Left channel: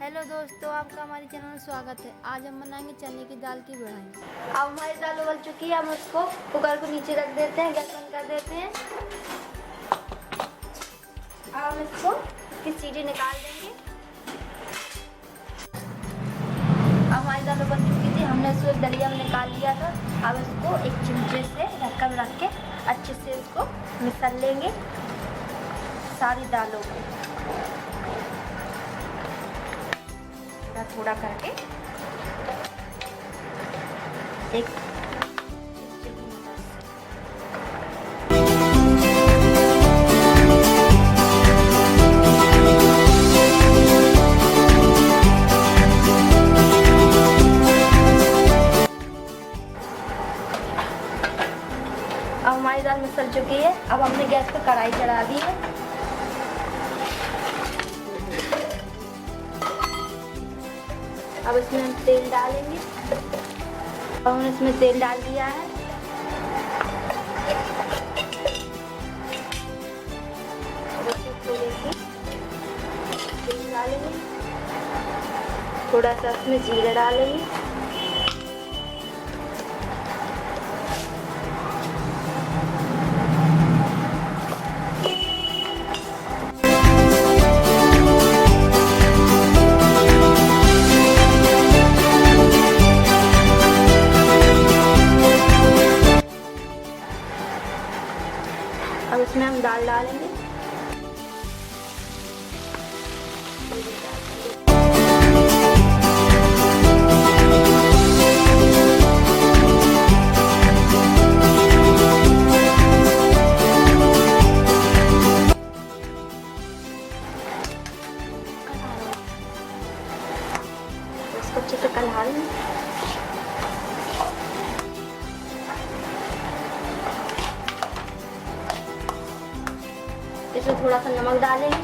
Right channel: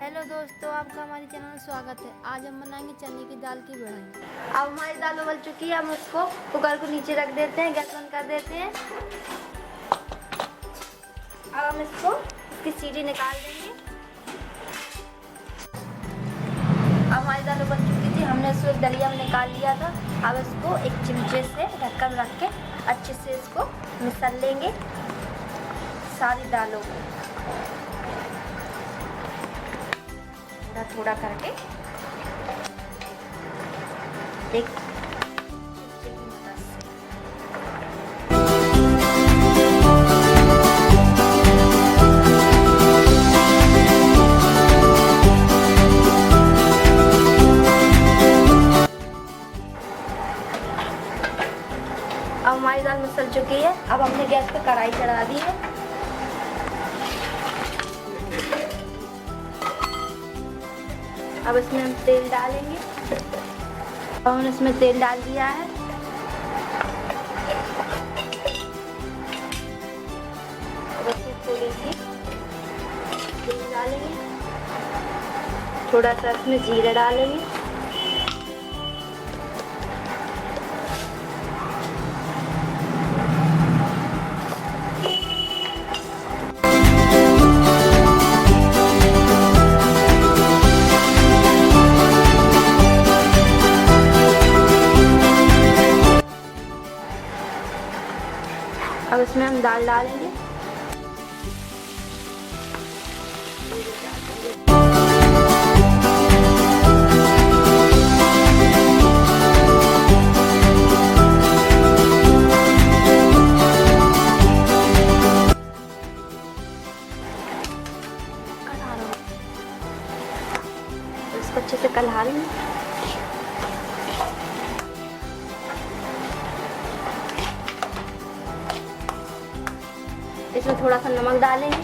Hello दोस्तों, आपका हमारे चैनल में स्वागत है। आज हम बनाएंगे चने की दाल की बिरयानी। अब हमारी दाल उबल चुकी है, हम उसको कुकर को नीचे रख देते हैं, गैस बंद कर देते हैं। अब हम इसको इसकी सीटी निकाल देंगे। अब हमारी दाल उबल चुकी थी, हमने इसको एक दलिया में निकाल लिया था। अब इसको एक चिमटे से ढक्कन रख के अच्छे से इसको मिसल लेंगे सारी दालों को थोड़ा करके एक अब हमारी दाल मिसल चुकी है। अब हमने गैस पे कढ़ाई चढ़ा दी है। अब इसमें हम तेल डालेंगे। अब हमने इसमें तेल डाल दिया है। थोड़ी सी तेल डालेंगे, थोड़ा सा इसमें जीरा डालेंगे, अब इसमें हम दाल डालेंगे। इसको अच्छे से कलहा लेंगे। इसमें थोड़ा सा नमक डालेंगे,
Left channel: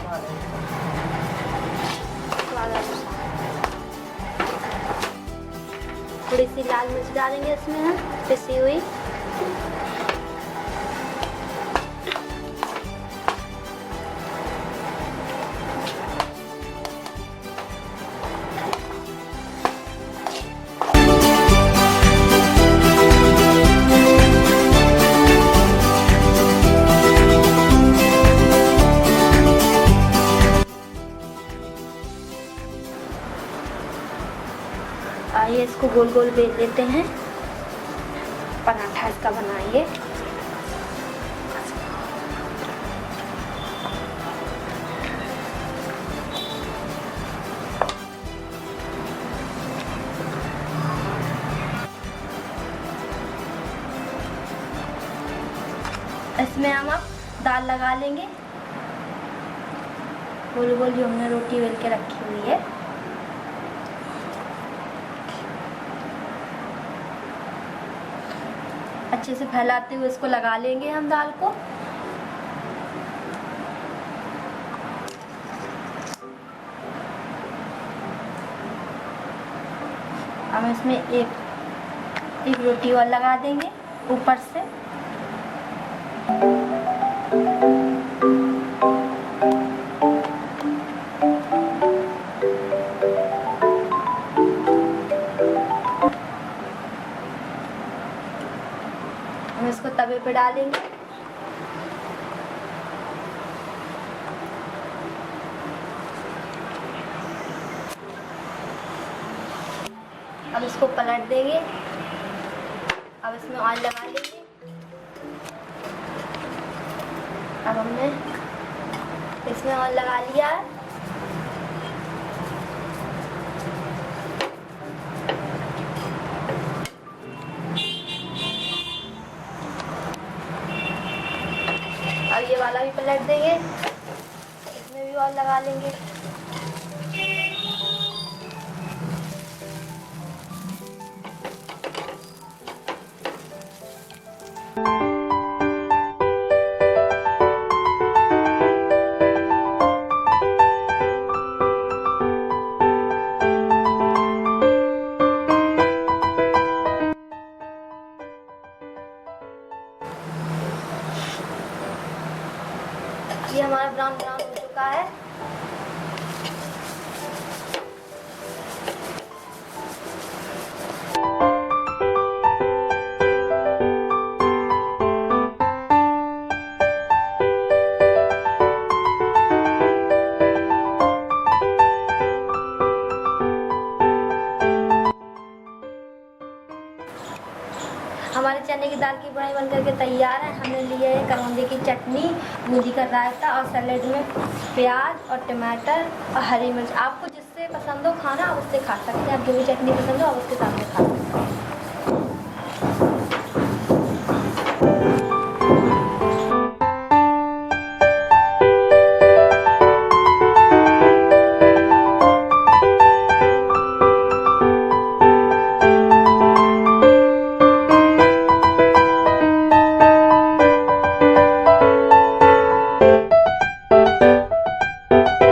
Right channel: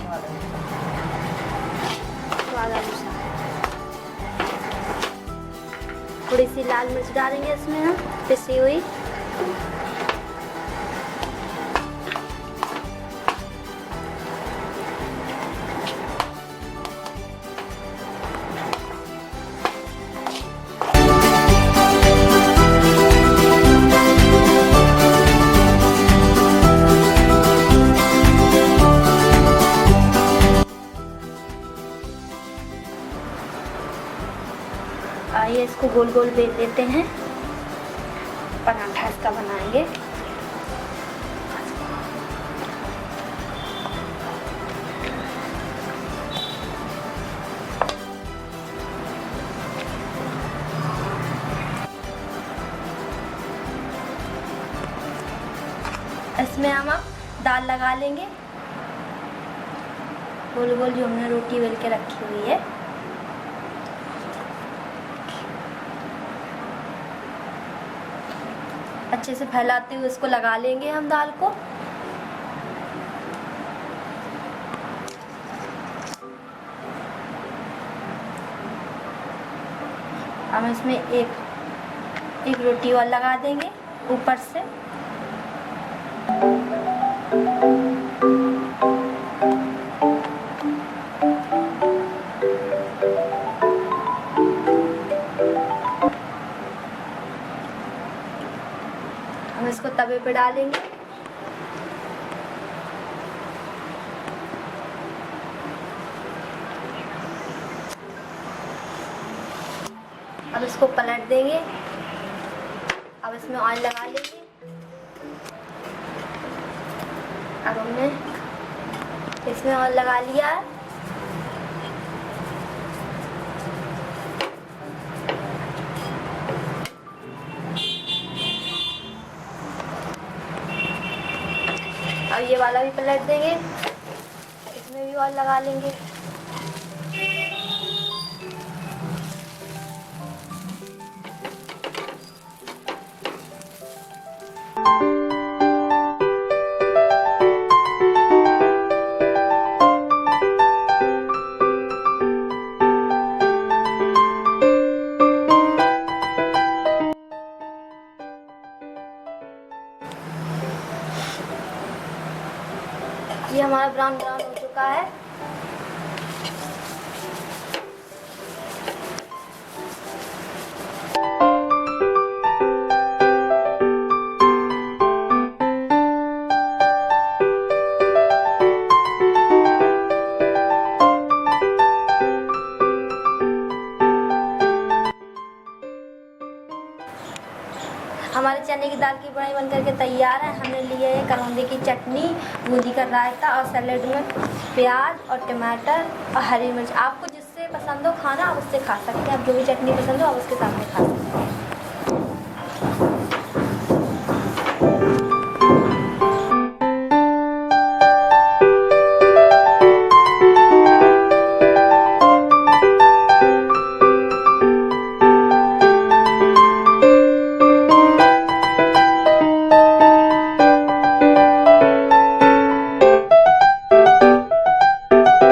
थोड़ी सी लाल मिर्च डालेंगे इसमें हम पिसी हुई। आइए इसको गोल गोल बेल लेते हैं, पराठा इसका बनाएंगे। इसमें हम दाल लगा लेंगे गोल गोल, जो हमने रोटी बेल के रखी हुई है। अच्छे से फैलाते हुए इसको लगा लेंगे हम दाल को। हम इसमें एक रोटी और लगा देंगे ऊपर से। हम इसको तवे पे डालेंगे। अब इसको पलट देंगे। अब इसमें ऑयल लगा लेंगे। अब हमने इसमें ऑयल लगा लिया है। अब ये वाला भी पलट देंगे, इसमें भी ऑयल लगा लेंगे। ये हमारा ब्राउन ब्राउन हो चुका है। चने की दाल की बड़ाई बन करके तैयार है। हमने लिए है करौंदे की चटनी, बूंदी का रायता और सैलेड में प्याज और टमाटर और हरी मिर्च। आपको जिससे पसंद हो खाना आप उससे खा सकते हैं, आप जो भी चटनी पसंद हो आप उसके साथ में खा सकते हैं।